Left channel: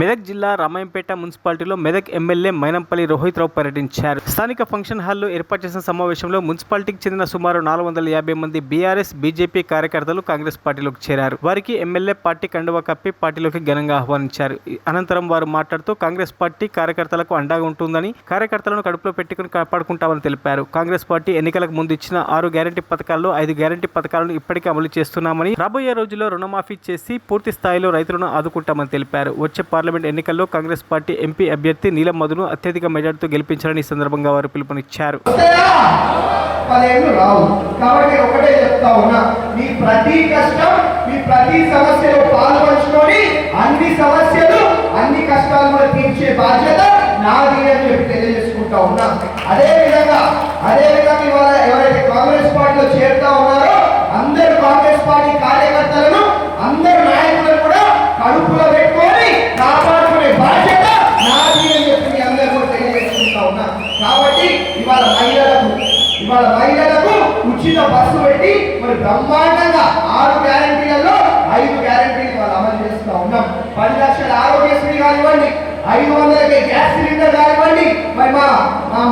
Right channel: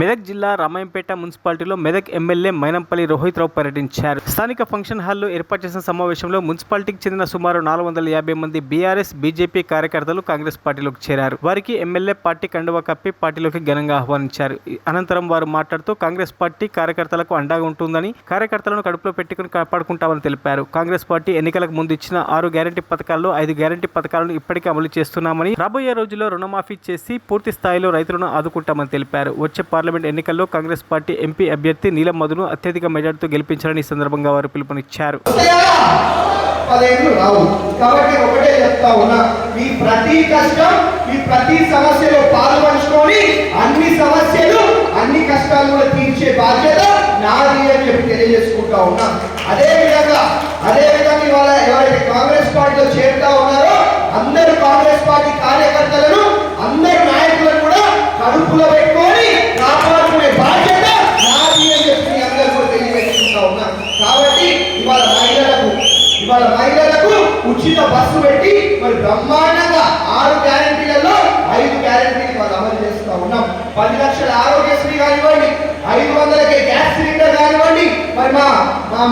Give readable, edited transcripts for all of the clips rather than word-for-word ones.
మెదక్ జిల్లా రామాయంపేట మున్సిపాలిటీలో మెదక్ ఎమ్మెల్యే మైనంపల్లి రోహిత్ రావు పర్యటించారు. స్థానిక ఫంక్షన్ హాల్లో ఏర్పాటు చేసిన సమావేశంలో మున్సిపాలిటీకి చెందిన సుమారు 450 మంది బీఆర్ఎస్, బీజేపీ కార్యకర్తలు కాంగ్రెస్ పార్టీలోకి చేరారు. వారికి ఎమ్మెల్యే పార్టీ కండువా కప్పి పార్టీలోకి ఘనంగా ఆహ్వానించారు. అనంతరం వారు మాట్లాడుతూ కాంగ్రెస్ పార్టీ కార్యకర్తలకు అండగా ఉంటుందని, కార్యకర్తలను కడుపులో పెట్టుకుని కాపాడుకుంటామని తెలిపారు. కాంగ్రెస్ పార్టీ ఎన్నికలకు ముందు ఇచ్చిన 6 గ్యారంటీ పథకాల్లో 5 గ్యారంటీ పథకాలను ఇప్పటికే అమలు చేస్తున్నామని, రాబోయే రోజుల్లో రుణమాఫీ చేసి పూర్తి స్థాయిలో రైతులను ఆదుకుంటామని తెలిపారు. వచ్చే పార్లమెంట్ ఎన్నికల్లో కాంగ్రెస్ పార్టీ ఎంపీ అభ్యర్థి నీలం మధును అత్యధిక మెజార్టీతో గెలిపించాలని ఈ సందర్భంగా వారు పిలుపునిచ్చారు. ఎవరైతే కాంగ్రెస్ పార్టీలో చేరుతా ఉన్నారో అందరూ కాంగ్రెస్ పార్టీ కార్యకర్తలను, అందరు నాయకులను కూడా కడుపులో పెట్టుకొని కాపాడుకునే బాధ్యత నాది అని చెప్పి అందరూ కూడా తెలియజేసుకుంటా ఉన్నారు. కాబట్టి ఇవాళ మహిళలకు ఉచిత బస్సు పెట్టి మరి బ్రహ్మాండంగా 6 గ్యారంటీలలో 5 గ్యారంటీలు వాళ్ళు అమలు చేస్తూ ఉన్నాం. 10 లక్షల ఆరోగ్యశ్రీ కానివ్వండి, 500కే గ్యాస్ సిలిండర్ కానివ్వండి, మరి మా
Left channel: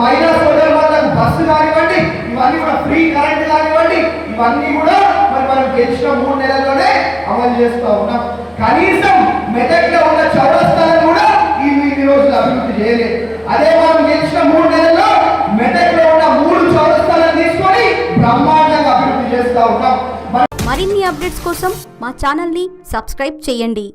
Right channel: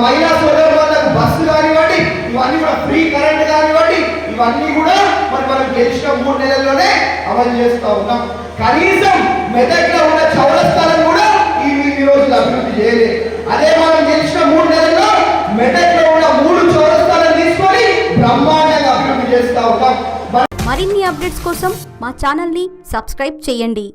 మహిళా సోదరులకు బస్సు కానివ్వండి, ఇవన్నీ కూడా ఫ్రీ కరెంట్ కానివ్వండి, ఇవన్నీ కూడా మరి మనం గెలిచిన 3 నెలల్లోనే అమలు చేస్తూ ఉన్నాం. కనీసం మెదక్లో ఉన్న చౌరస్తాలను కూడా ఈ రోజులు అభివృద్ధి చేయలేదు. అదే మనం గెలిచిన 3 నెలల్లో మెదక్లో ఉన్న 3 చౌరస్తాలను తీసుకొని బ్రహ్మాండంగా అభివృద్ధి చేస్తూ ఉన్నాం. మరిన్ని అప్డేట్స్ కోసం మా ఛానల్ని సబ్స్క్రైబ్ చేయండి.